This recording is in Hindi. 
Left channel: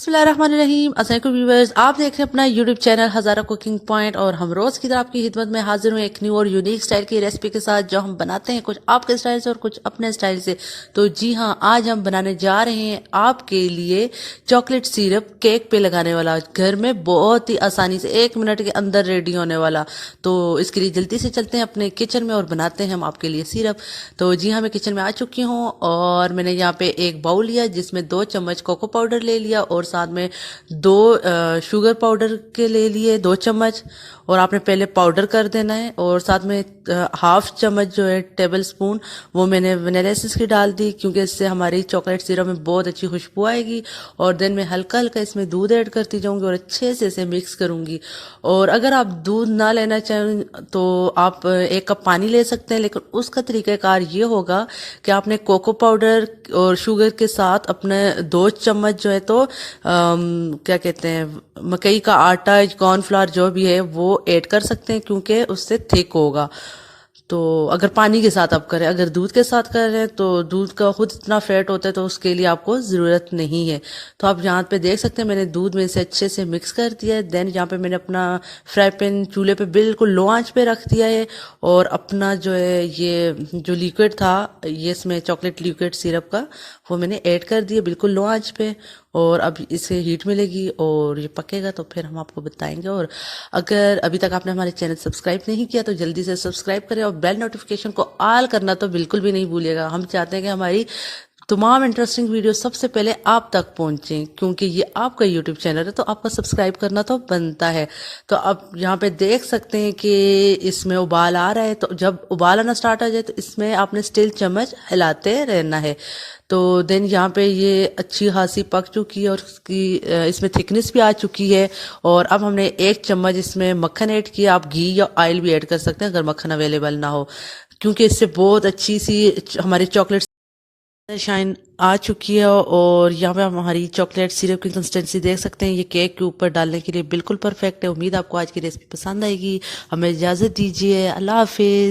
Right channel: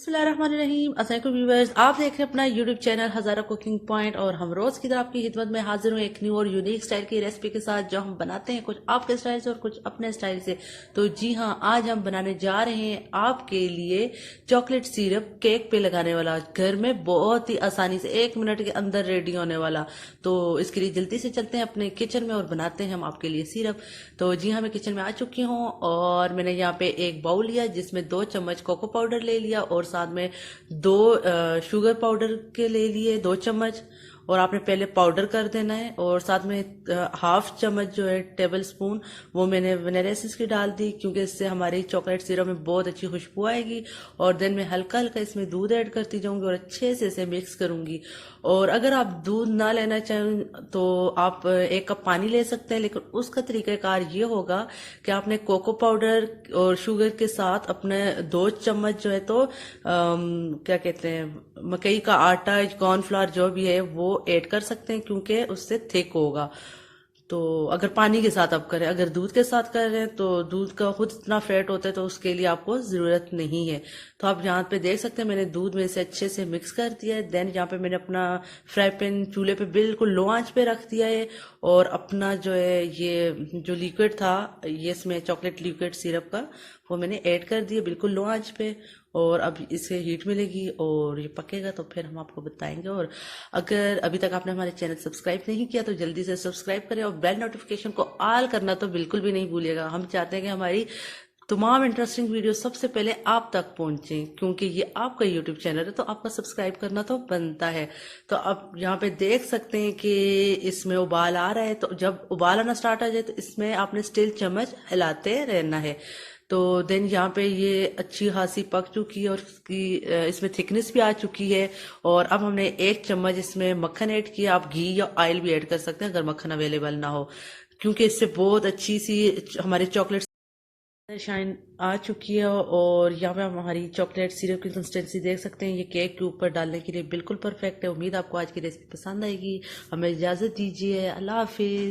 बिस्मिल्लाहिर्रहमानिर्रहीम। अस्सलाम व्यूवर्स, आप देख रहे हैं अपना यूट्यूब चैनल हज़ारा कुकिंग पॉइंट और हम रोज़ की तरह आपकी खिदमत में हाजिर हुए एक न्यू और यूनिक स्टाइल की रेसिपी के साथ जो हम बनाते हैं कुछ आपके स्टाइल से और कुछ अपने स्टाइल से। तो जी हाँ, आज हम बनाने जा रहे हैं आपके लिए चॉकलेट सिरप केक पे लगाने वाला, घर में बहुत ही आसानी से 1 मिनट के अंदर रेडी होने वाला। तो इसके लिए जल्दी से चलते हैं अपने किचन में और बनाते हैं हम आपके लिए सिरप। तो जी हाँ, मैं किचन में आ चुकी हूँ और मैंने यहाँ पे एक बाउल लिया जिसमें 2 चम्मच कोको पाउडर ले लिया और साथ में 2 शुगर पाउडर के ले लिए 2 चम्मच, और आपने पहले पाउडर कर देना है। और साथ में 1/2 चम्मच जो है टेबल स्पून वो मैंने वनीला एसेंस की डाल दी, क्योंकि इससे हमारी चॉकलेट सिरप में बहुत अच्छी खुशबू आएगी। और देन मैं हल्का हल्का इसमें दूध ऐड करती जाऊंगी और अच्छे से इसे मिक्स करूंगी। और अगर आप दूध ना लेना चाहें तो आप 1 कप पानी ले सकते हैं, लेकिन उसका तरीक़ाकार ये होगा कि आपने कोको पाउडर और शुगर के साथ अपने 2 चम्मच जो है तो क्या कहते हैं मकई का आटा, कॉर्नफ्लावर जो भी है वो ऐड कर सकते हैं, क्योंकि उससे थिक होगा। तो अगर पानी के साथ आप करें, अगर दूध के साथ कर रहे हैं तो दूध का खुद इतना फैट होता है तो उसके लिए आपको ज़रूरत नहीं है। तो आप यहाँ पे देख सकते हैं मैंने दूध में इसे अच्छे से मिक्स कर दिया है। देन यहाँ पे मैंने अपना फ्राई पैन चूल्हे पे बिल्कुल लो आंच पे रख दिया है और अपना जो है ये जो लिक्विड था, ये इसमें चॉकलेट लिक्विड सिरप का, वो मैंने ऐड कर दिया बिल्कुल लो आंच पे। और अब इसे हीट मिलेगी और ये पकेगा तो फिर हम आपको बताएंगे। और अगर अभी तक आपने हमारे चैनल सब्सक्राइब नहीं किया तो जल्दी से सब्सक्राइब करें और बेल नोटिफिकेशन को ऑल करना तो बिल्कुल भी नहीं भूलिएगा। हम चाहते हैं कि हमारी तमाम इंटरेस्टिंग वीडियो सबसे पहले आप तक पहुंचे, क्योंकि ये आपका यूट्यूब चैनल है तो आपका सब्सक्राइब करना तो बनता है। तो अब यहाँ पे देख सकते हैं कि इसमें उबाल आ रहा है, तो जब उबाल आना स्टार्ट आ जाए तो इसमें आपने स्टील चम्मच हिलाते रहना है। तो देन यहाँ पे ये अच्छी खासी पक चुकी है और उसकी इसमें थिकनेस भी आ चुकी है। और अब हमने 1 चम्मच इसमें मक्खन ऐड किया। आप घी या ऑयल भी ऐड कर सकते हैं अगर मक्खन अवेलेबल ना हो, क्योंकि इससे बहुत अच्छी सी हमारी चॉकलेट शाइन आ चुकी है। और यहाँ पे हम हमारी चॉकलेट सिरप की कंसिस्टेंसी देख सकते हैं, ये केक के ऊपर डालने के लिए बिल्कुल परफेक्ट है। उम्मीद आपको आज की रेसिपी पसंद आएगी। हमें इजाज़त दीजिए, अल्लाह हाफिज़।